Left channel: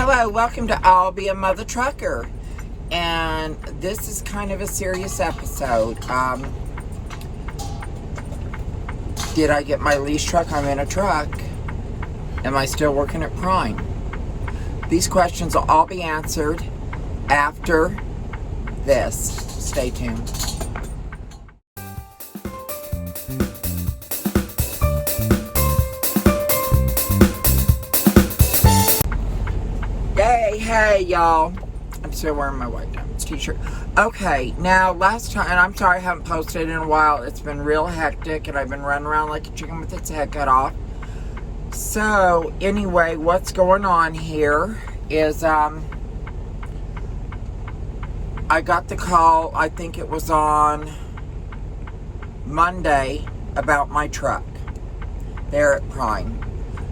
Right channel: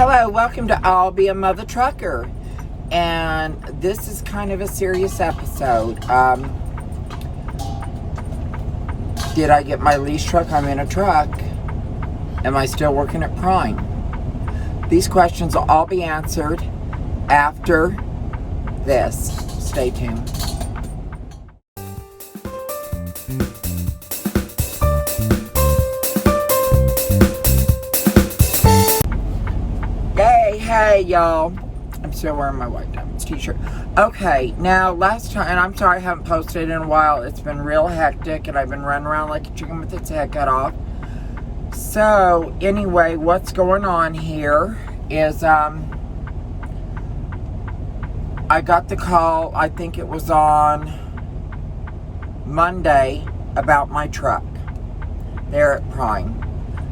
Hello, welcome to I'll Be a Mother Trucker. And this is kind of a serious episode. Did I get my lease truck? I'm in a truck. Am I still working at Prime? These questions will all be answered after this. Stay tuned. Hey y'all, I'm still wearing my White Diamonds t-shirt. Okay, now last time, and I'm sorry I haven't posted in a while. It's been real hectic and I've been running around like a chicken with its head cut off. So anyway, what's going on here is I got the call, I think it was on Monday, about my truck there at Prime.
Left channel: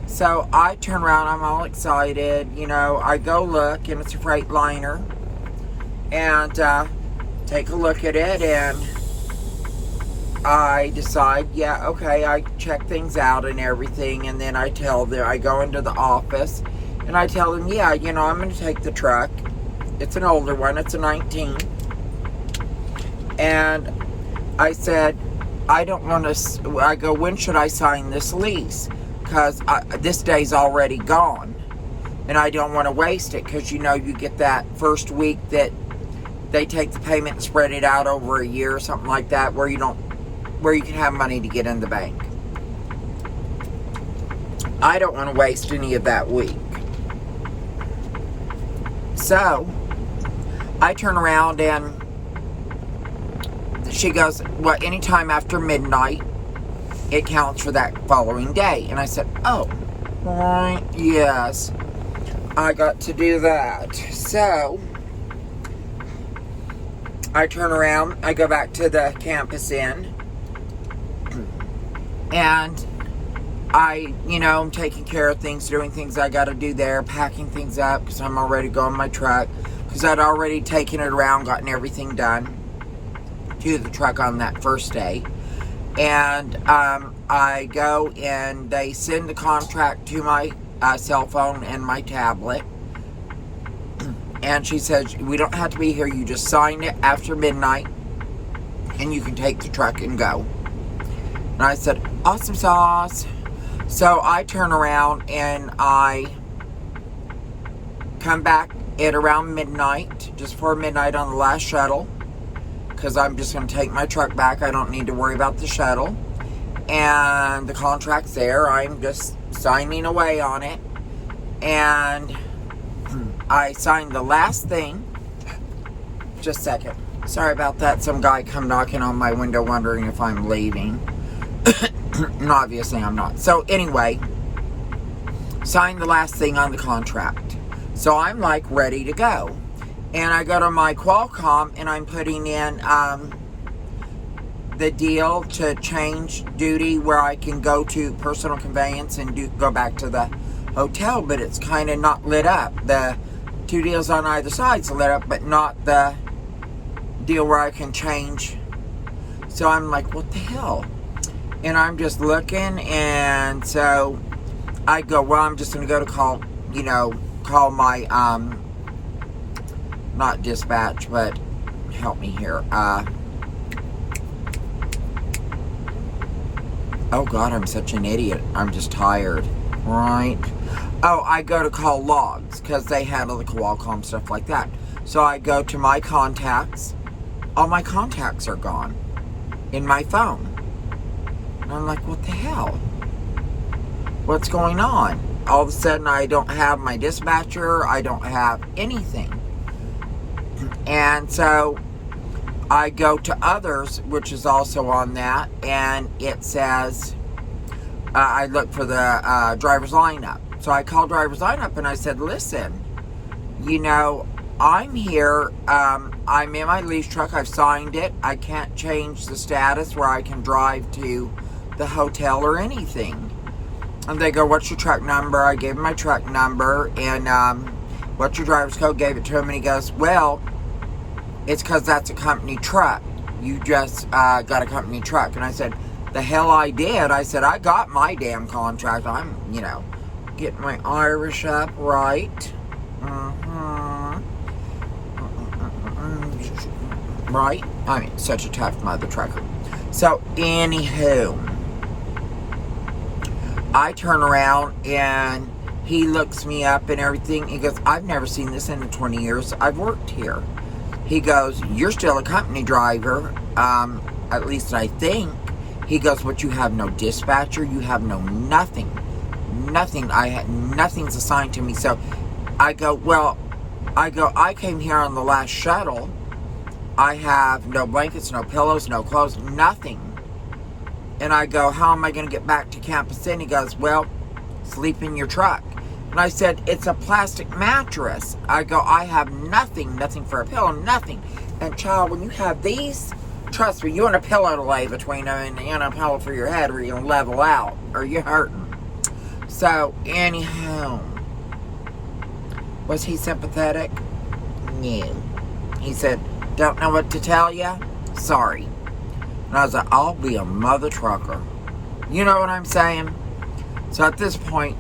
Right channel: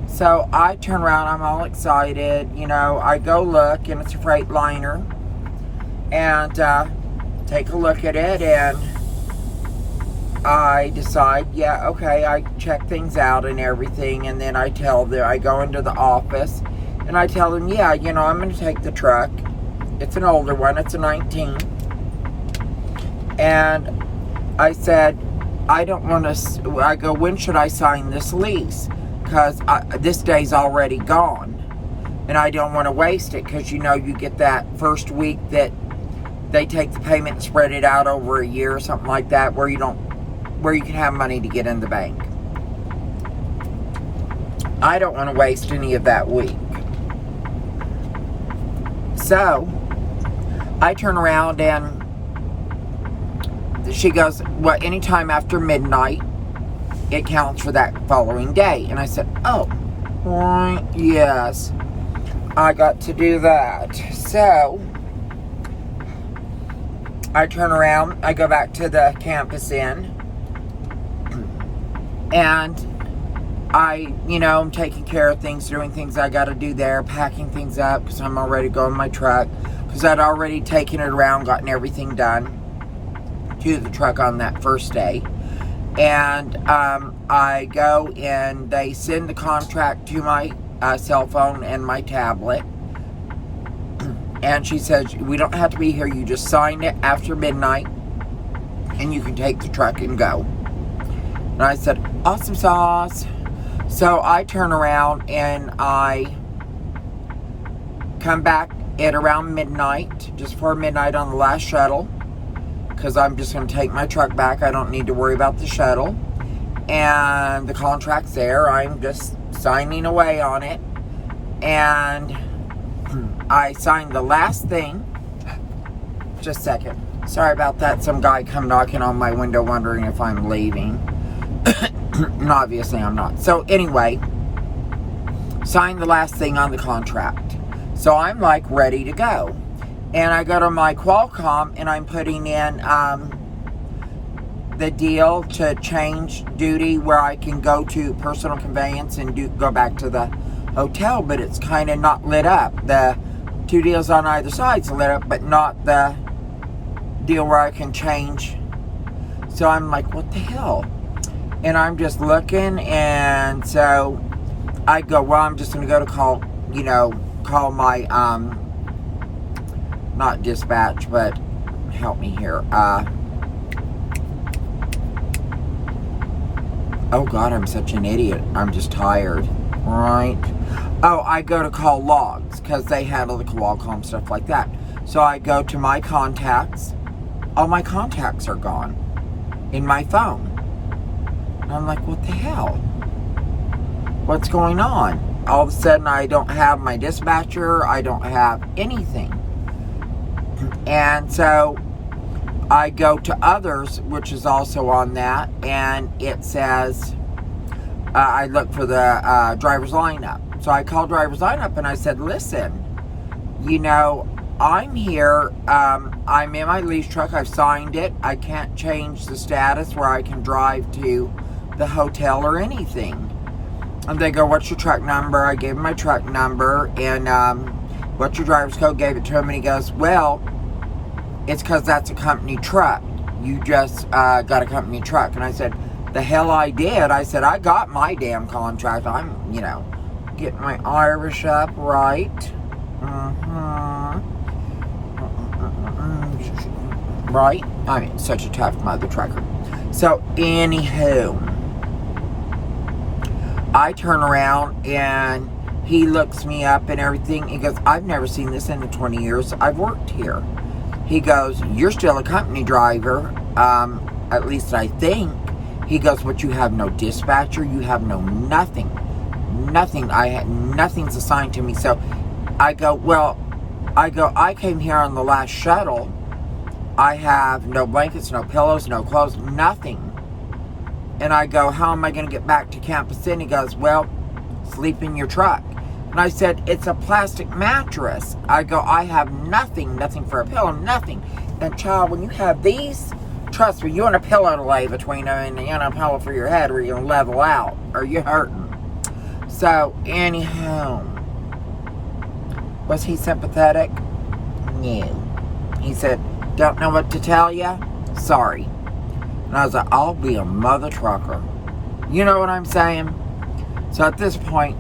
So I turn around, I'm all excited, I go look, and it's a Freightliner, and take a look at it, and I decide, yeah, okay, I check things out and everything, and then I go into the office, and I tell them, yeah, I'm going to take the truck. It's an older one, it's a 19, and I said, I don't want to, I go, when should I sign this lease? Because this day's already gone, and I don't want to waste it, because you get that first week that they take the payment and spread it out over a year or something like that, where you can have money to get in the bank. I don't want to waste any of that week. So I turn around and she goes, well, anytime after midnight, it counts for that following day. And I said, oh, right, yes, I got to do that. So I turn around, I go back to the Campus Inn, and I'm taking care of things, doing things I got to do there, packing things up, because I'm already going in my truck, because I'd already taken it around, gotten everything done to the truck on that first day. And I go and they send the contract to my cell phone and my tablet. And she says, we don't have to be here. You just sign it after midnight and you can take the truck and go. And I said, awesome sauce. So I turn around and I come back at around midnight, just before midnight on the last shuttle, because I'm just going to take my truck back. I don't need to worry about the shuttle. And the contract's there. I'm just signing away on it. And I signed the last thing. Just a second. Sorry about that. Some guy come knocking on my window wondering if I'm leaving. And obviously I'm not. So anyway, signed the last thing on the contract. So I'm like ready to go. And I go to my Qualcomm and I'm putting in the deal to change duty where I can go to personal conveyance and go back to the hotel, but it's kind of not lit up. The two deals on either side's lit up, but not the deal where I can change. So I'm like, what the hell? And I'm just looking, and so I go, well, I'm just going to go to call my, not dispatch, but help me here. Oh God, I'm such an idiot. I'm just tired. Right. Oh, I go to call logs because they handle the Qualcomm stuff like that. So I go to my contacts. All my contacts are gone in my phone. And I'm like, what the hell? What's going on? All of a sudden, I don't have my dispatcher. I don't have anything. And so I go to others, which is also on that, and it says, I look for the driver's lineup. So I called driver's lineup and I said, listen, I'm here, I'm in my lease truck, I've signed it, I can't change the status where I can drive to the hotel or anything. And they go, what's your truck number? I gave him my truck number, and what's your driver's code? Gave it to him, and he goes, well, it's because that's a company truck. You just got a company truck. And I said, the hell I did. I said, I got my damn contract. I'm, getting my Irish up right. Right? I mean, such a tough mother trucker. So, anywho, I turn around and he looks me up and everything. He goes, I've never seen this in the 20 years I've worked here. He goes, you're still a company driver, at least I think. He goes, but you have no dispatcher, you have no nothing. Nothing. Nothing's assigned to me. So I go, I came here on the last shuttle. I have no blankets, no pillows, no clothes, nothing. And I go, how am I going to get back to Campus Inn? He goes, well, sleep in your truck. And I said, it's a plastic mattress. I go, I have nothing for a pillow, nothing. And child, when you have these, trust me, you want a pillow to lay between them and a pillow for your head where you'll level out or you're hurting. So, anyhow, was he sympathetic? No. He said, don't know what to tell you? Sorry. And I was like, I'll be a mother trucker. You know what I'm saying? So at this point,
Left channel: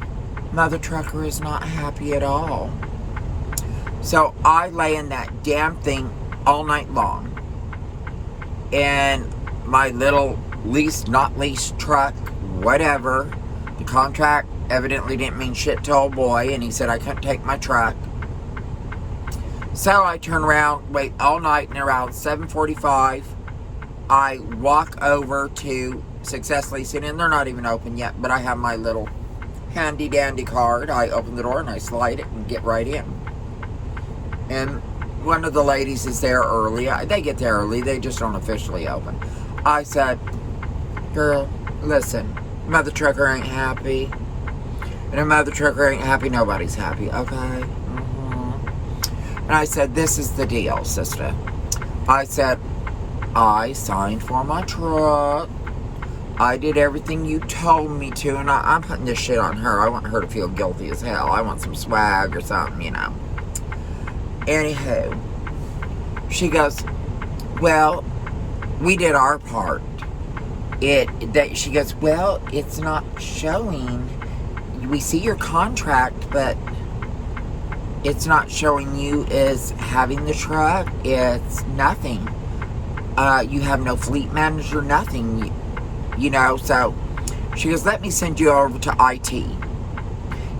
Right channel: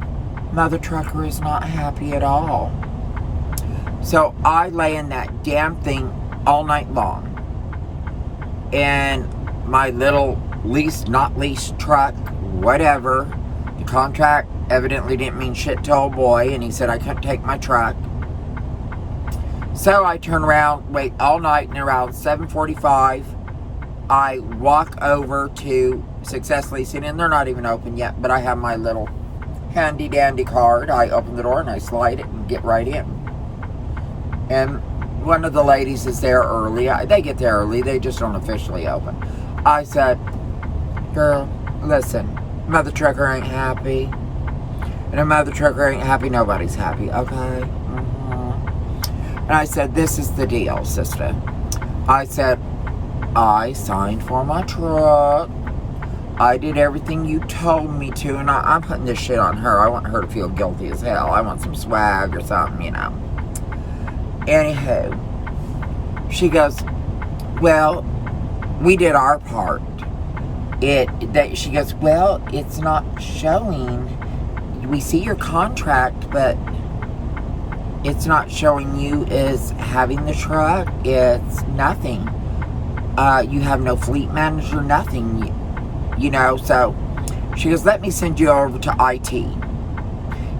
mother trucker is not happy at all. So I lay in that damn thing all night long. And my little leased, not leased truck, whatever. The contract evidently didn't mean shit to old boy. And he said I couldn't take my truck. So I turn around, wait all night, and around 7:45, I walk over to Success Leasing, and they're not even open yet, but I have my little handy dandy card. I open the door and I slide it and get right in. And one of the ladies is there early. They get there early, they just don't officially open. I said, girl, listen, mother trucker ain't happy. And if mother trucker ain't happy, nobody's happy, okay? And I said, this is the deal, sister. I said, I signed for my truck. I did everything you told me to, and I'm putting this shit on her. I want her to feel guilty as hell. I want some swag or something, Anywho, she goes, well, we did our part. She goes, well, it's not showing. We see your contract, but it's not showing you as having the truck. It's nothing. You have no fleet manager, nothing. So she goes, let me send you over to IT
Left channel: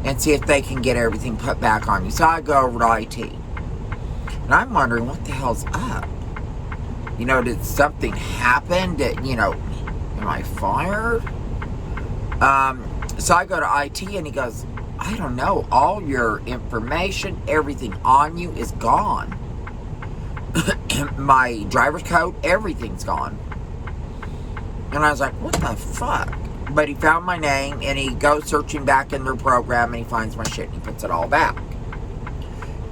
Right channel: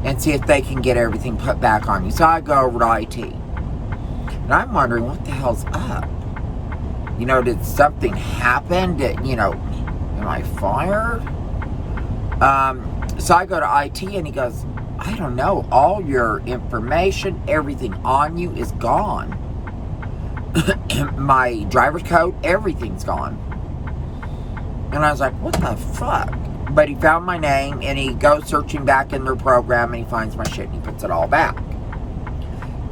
and see if they can get everything put back on you. So I go over to IT. And I'm wondering, what the hell's up? Did something happen? Am I fired? So I go to IT and he goes, I don't know, all your information, everything on you is gone. My driver's code, everything's gone. And I was like, what the fuck? But he found my name and he goes searching back in their program and he finds my shit and he puts it all back.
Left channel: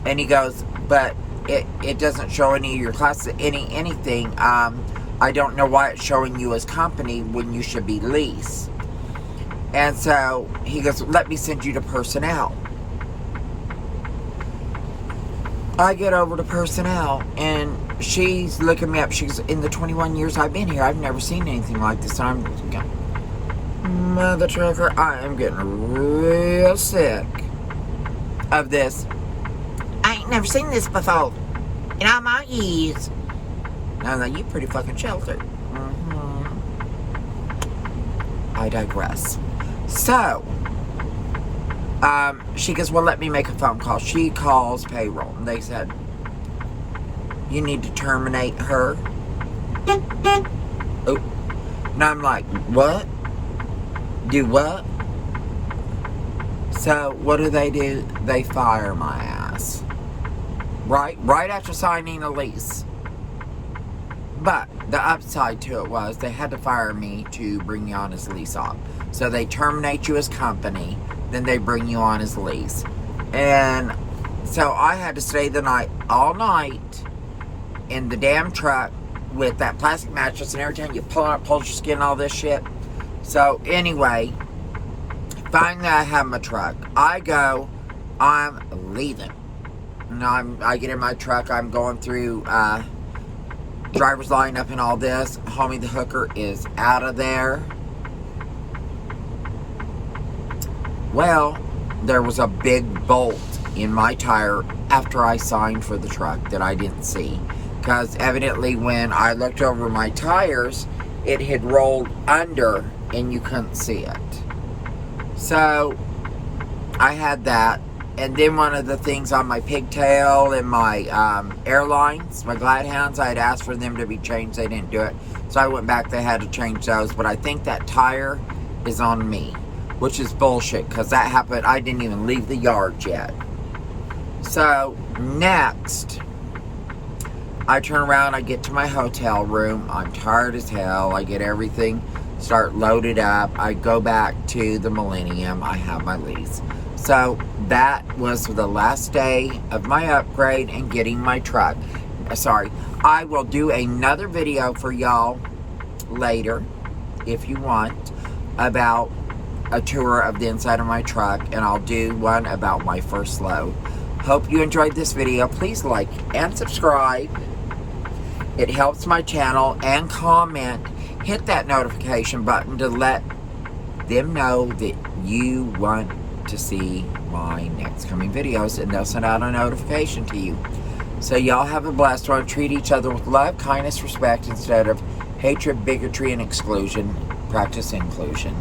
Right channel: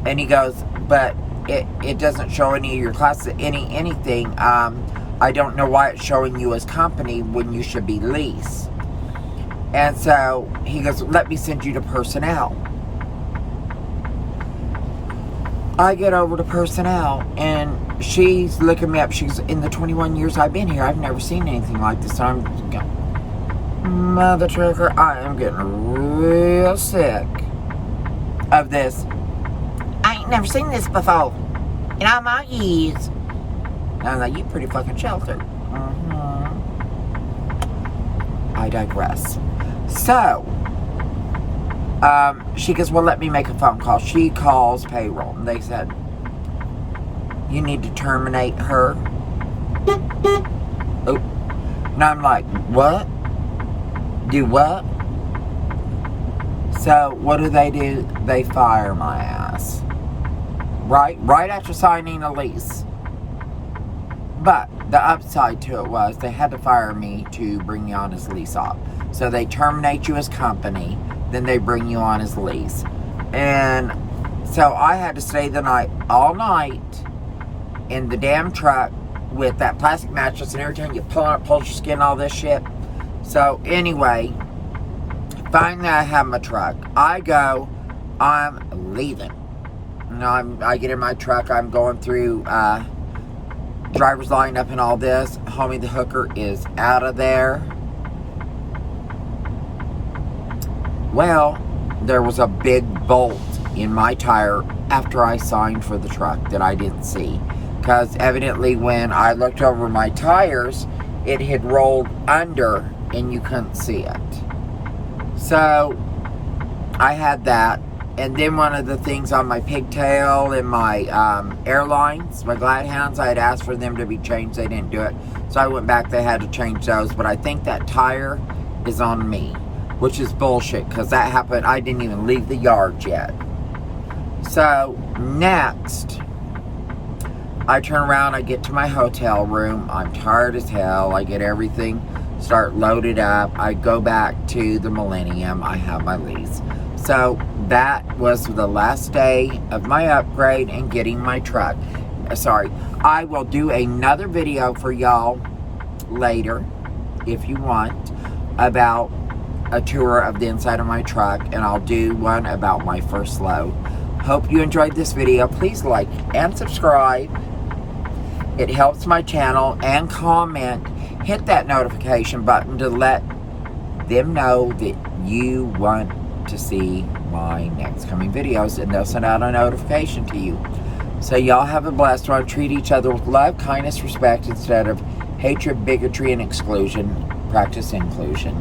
And he goes, but it doesn't show any of your classes, anything. I don't know why it's showing you as company when you should be lease. And so he goes, let me send you to personnel. I get over to personnel and she's looking me up. She's, in the 21 years I've been here, I've never seen anything like this. And I'm going, mother trucker, I am getting real sick of this. I ain't never seen this before in all my years. And I'm like, you pretty fucking sheltered. I digress. So, she goes, well, let me make a phone call. She calls payroll, and they said, you need to terminate her. Oh. And I'm like, what? Do what? So, what do? They fire my ass. Right after signing a lease. But the upside to it was they had to fire me to bring you on as lease op. So they terminate you as company, then they bring you on as lease. And so I had to stay the night, all night, in the damn truck with that plastic mattress and every time you pull it, pulls your skin, all this shit. So anyway, finally I have my truck. I go, I'm leaving. And I get in my truck, I'm going through driver's lineup and all this. Homie the hooker is out of there. Well, there was a big bolt in my tire after I signed for the truck that I didn't see. Because evidently when I looked over my tires, it had rolled under and you couldn't see it. So I had that. And then one of the things on my pigtail and my airlines, my glad hounds, I had asked for them to be changed. They didn't do it. So I went back, they had to change those. But I think that tire is on me, which is bullshit, because that happened, I didn't even leave the yard yet. So next, I turn around, I get to my hotel room. I'm tired as hell. I get everything, start loaded up. I go back to the Millennium. I have my lease. So that was the last day of my upgrade and getting my truck. Sorry, I will do another video for y'all later, if you want, about a tour of the inside of my truck, and I'll do one about my first load. Hope you enjoyed this video. Please like and subscribe. It helps my channel, and comment. Hit that notification button to let them know that you want to see my next coming videos, and they'll send out a notification to you. So y'all have a blessed one. Treat each other with love, kindness, respect, instead of hatred, bigotry, and exclusion. Practice inclusion.